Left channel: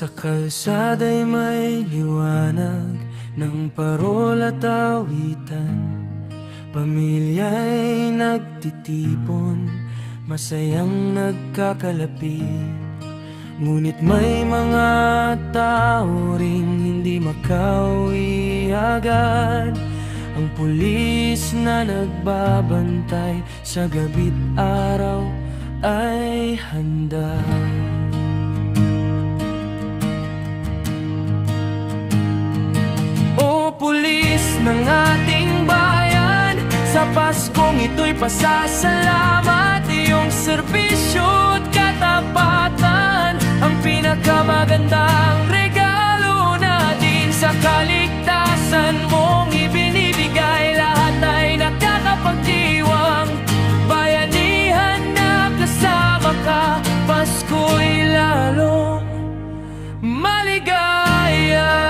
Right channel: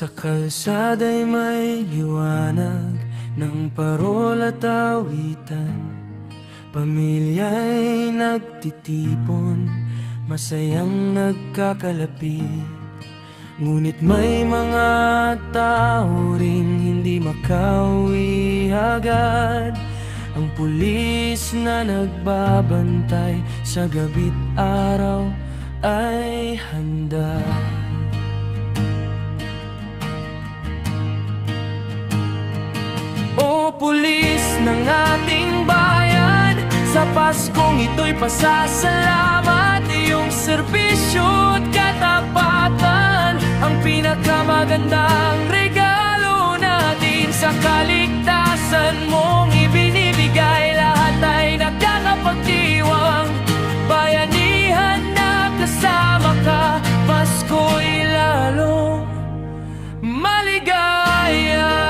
Sa kalsada'y may liwanag ng parol at awitan. Pamilya'y nagtitipon, masayang nagkakalapit. Ngunit may mga tao ring hindi makauwi agad. Ang pulis na nagbabantay sa gabi't araw ay handa. O pulis ng ating bayan, sa Paskong ito'y pasasalamat. Iyong serbisyo't katapatan ang pinakamagandang regalo natin. Sa kaligtasan mong ibinibigay, lahat ay nakakapagdiwang. Bayanihan na kasama ka, Pasko'y lalong maligaya.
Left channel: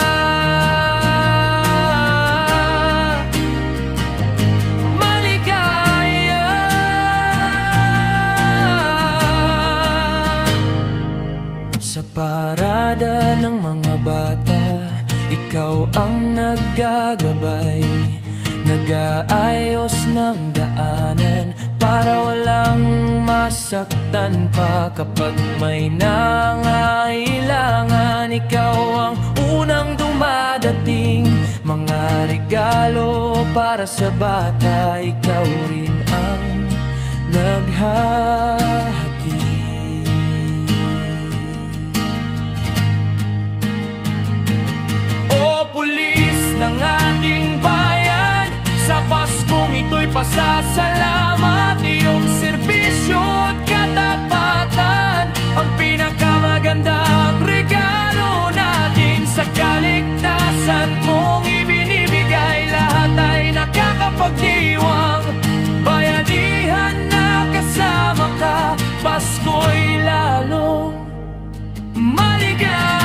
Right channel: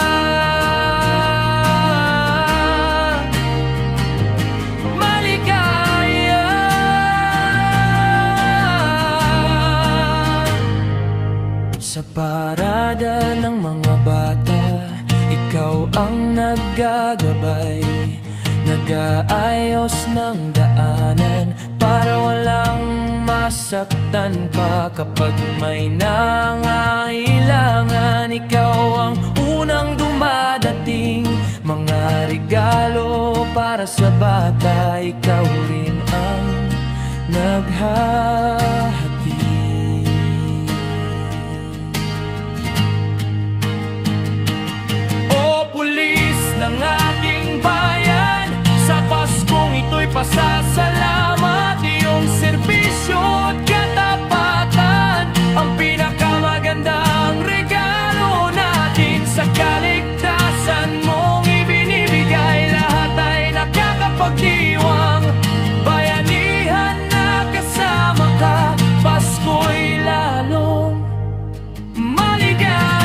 Sa parada ng mga bata, ikaw ang naggagabay. Nag-aayos ng daanan para walang masaktan pa. Kapag may nangailangan, ikaw ang unang dumadating. Mga regalo para sa bata, ikaw rin ang naghahati. Pulis ng ating bayan, sa Paskong ito'y pasasalamat. Iyong serbisyo't katapatan ang pinakamagandang regalo natin. Sa kaligtasan mong ibinibigay, lahat ay nakakapagdiwang. Bayanihan na kasama ka, Pasko'y lalong maligaya.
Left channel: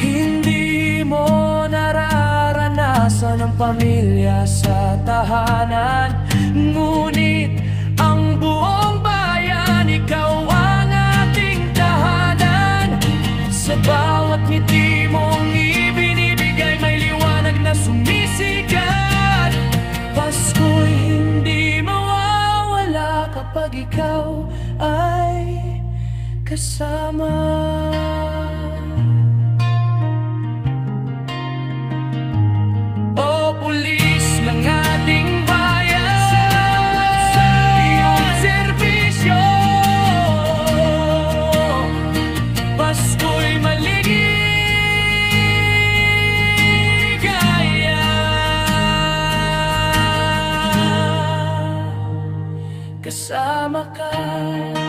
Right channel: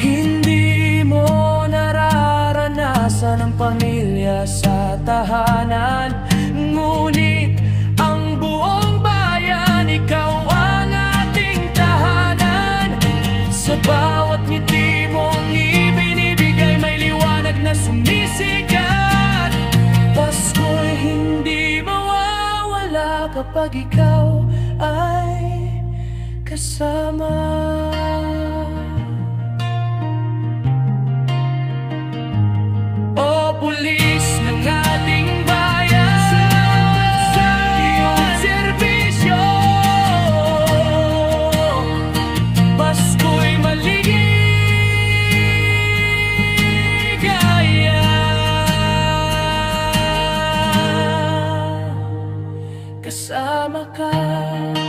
Hindi mo nararanasan ang pamilya sa tahanan, ngunit ang buong bayan, ikaw ang ating tahanan. Sa bawat ngiti mong ibinibigay, may liwanag na sumisikat. Pasko'y hindi mawawala kapag ikaw ay kasama. O pulis ng ating bayan, salamat sa iyong serbisyo. Pasko'y maligaya. Kasama ka.